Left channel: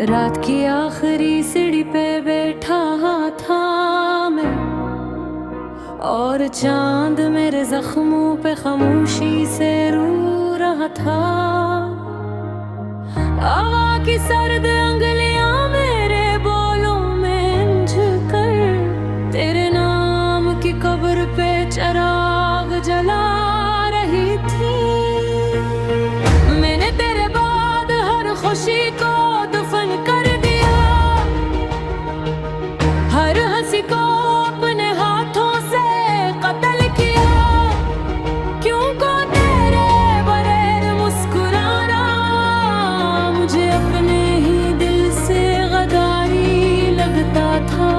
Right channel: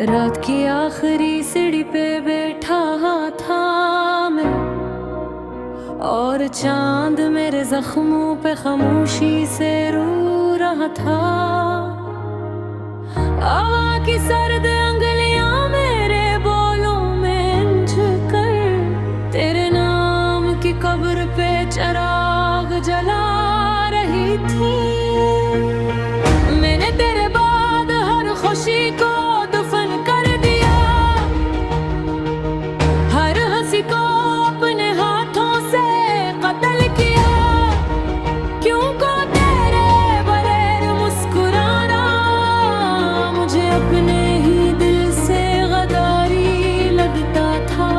रात की आखिरी सीढ़ी पे बैठा था मैं, और चांद मेरे जख्मों पे खामोशी से रो रहा था। हवा की सर्द अंगलियां मेरे बोलों में झुकर तेरे नाम की कब्र पे चिराग जला रही थी। मैंने तेरे बाद हर खुशी को दफन कर दिया, हर हंसी को अपने हाथों से कत्ल किया। क्यों को तेरे बगैर मुस्कुराना मुझे अपने ही दिल से गद्दारी लगता था।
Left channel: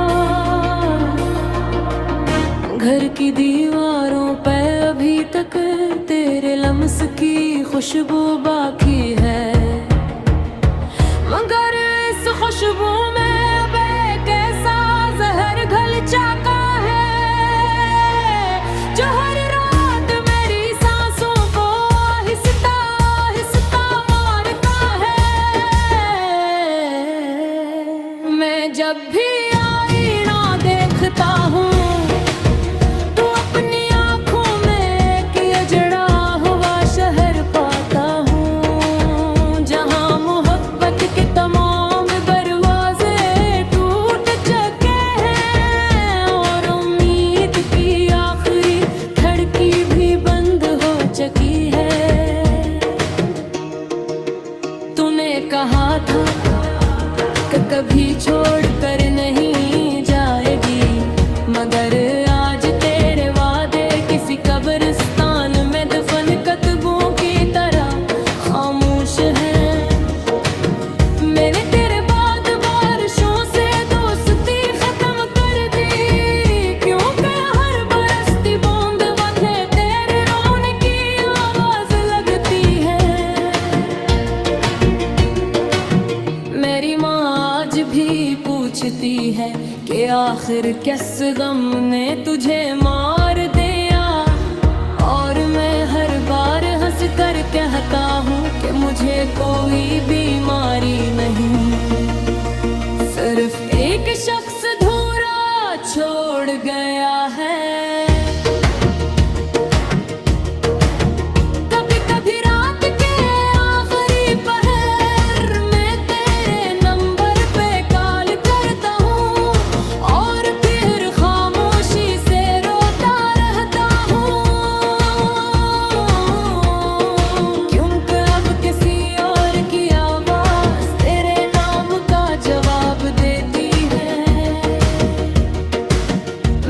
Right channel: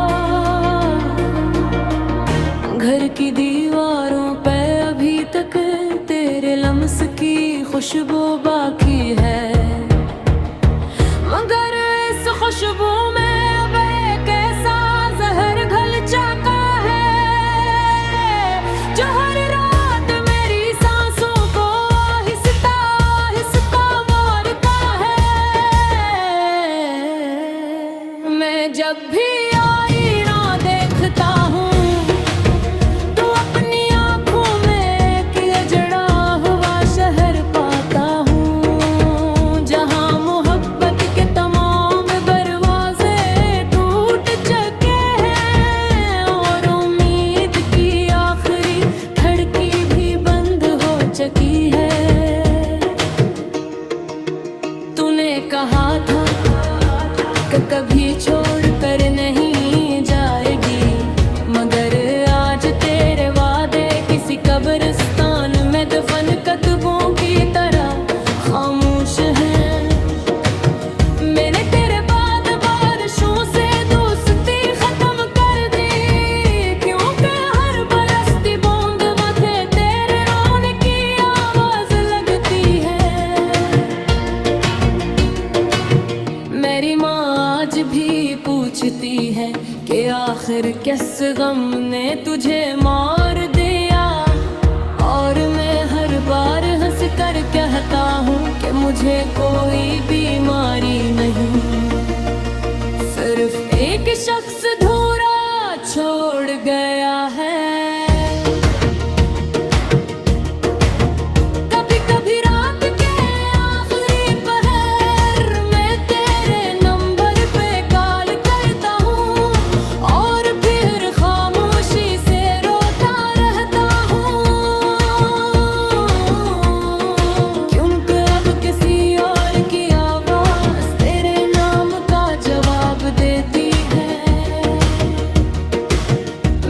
घर की दीवारों पे अभी तक तेरे लम्स की खुशबू बाकी है, मगर इस खुशबू में अब एक ऐसा जहर घल चुका है जो हर रात मेरी सांसों को आहिस्ता आहिस्ता मारता है। मैं जब भी आईना देखता हूँ तो अपनी आंखों में एक अजड़ा हुआ शहर पाता हूँ, जहाँ मोहब्बत के तमाम दरवाजे टूट चुके हैं और उम्मीद की आखिरी खिड़की भी बंद हो चुकी है। तूने कहा था कि कभी छोड़ कर नहीं जाएगी, मगर आज तेरे वादे किसी कब्रिस्तान में दफन कतबों की तरह खामोश हैं। मैंने तेरे बाद बारिशों से दोस्ती खत्म कर दी, क्योंकि हर बरसती बूंद वथे तेरे रोने की आवाज लगती है। मेरी माँ आज भी पूछती है कि आखिर किस गम ने तुझे मार दिया, और मैं हर बार हंस कर कहता हूँ कि मुझे कोई बीमारी नहीं, सिर्फ एक शख्स अधूरा छोड़ गया है। कभी कभी रात के आखिरी पहर में तेरे नंबर पे कॉल करता हूँ और फिर खामोशी से रोता रहता हूँ, क्योंकि अब किसी और की आवाज तेरे नाम का जवाब देती है।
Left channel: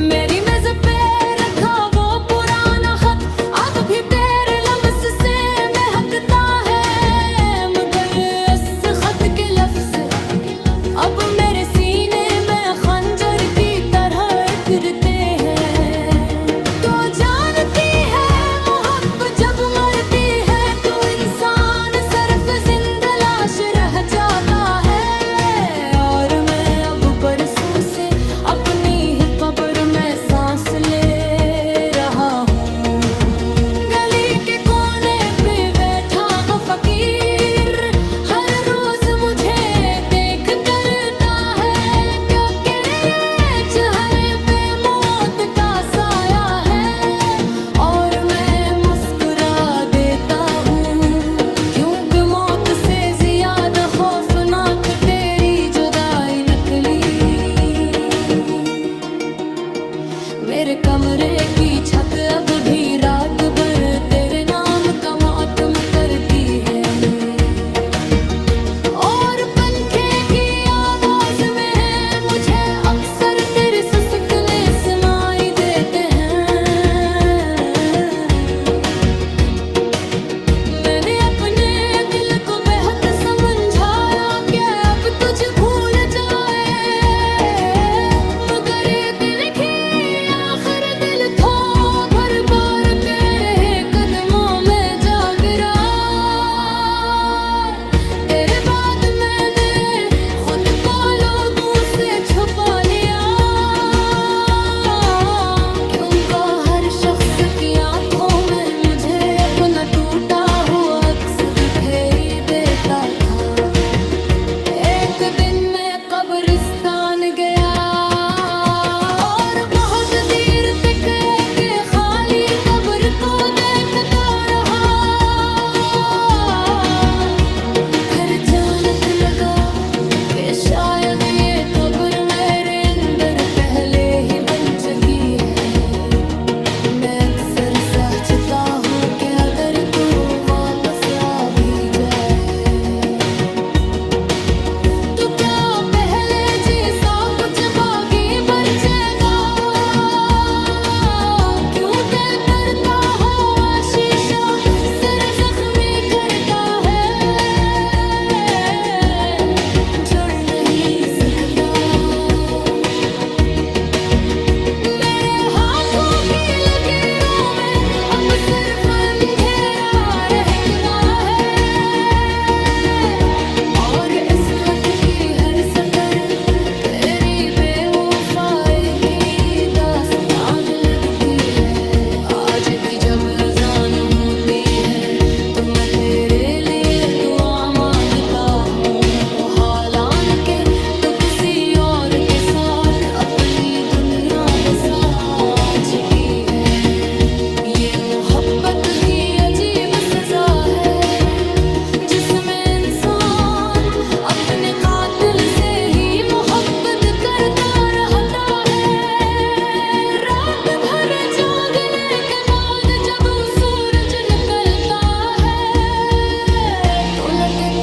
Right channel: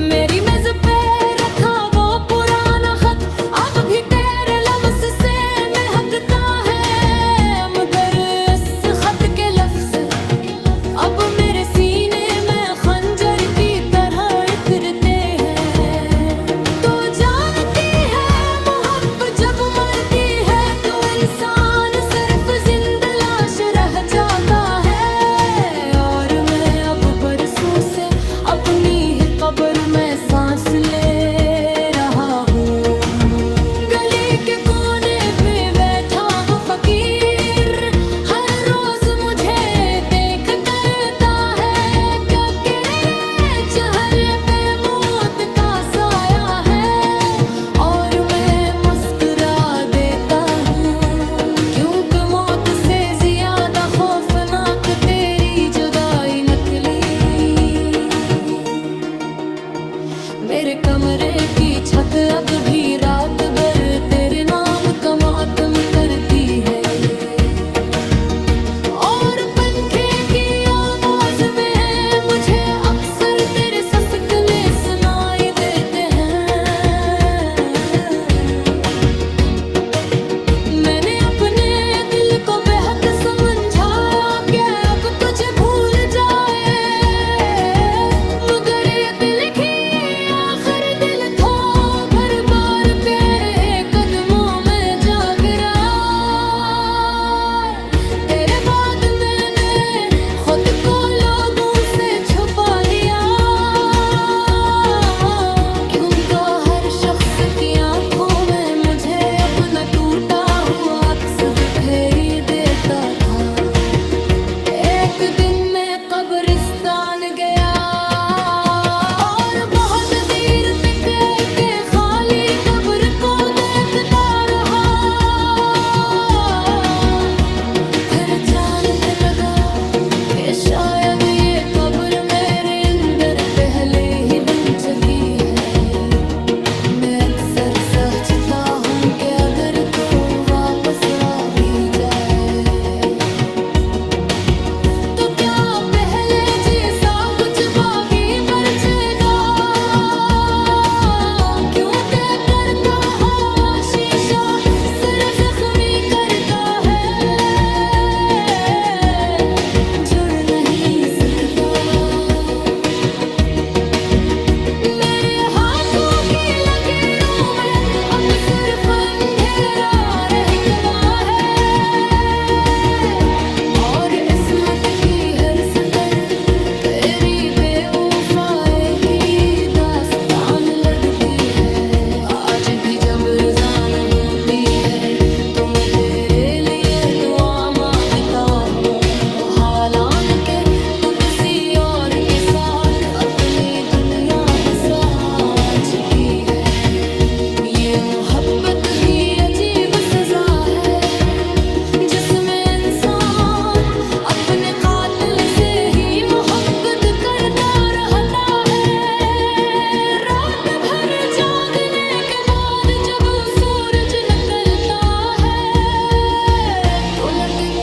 मेरी मेज पे रखा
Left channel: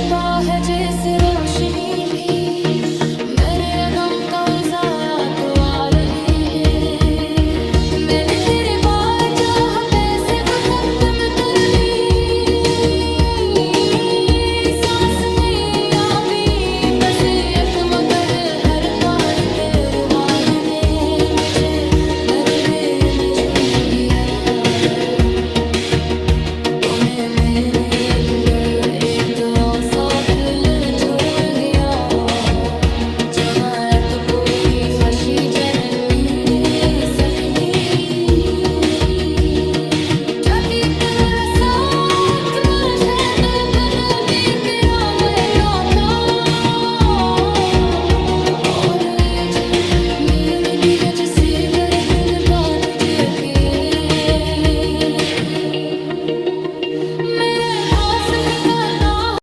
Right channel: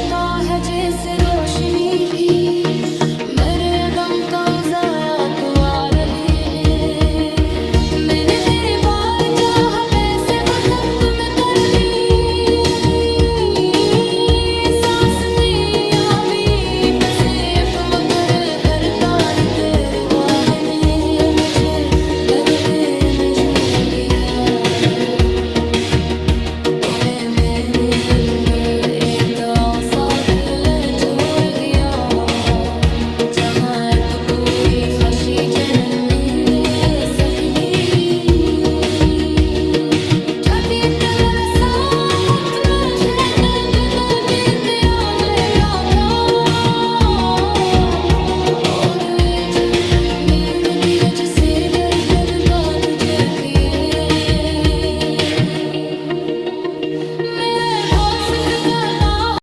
करता है जैसे रोशनी भी मेरे गम तो उजाया तो आ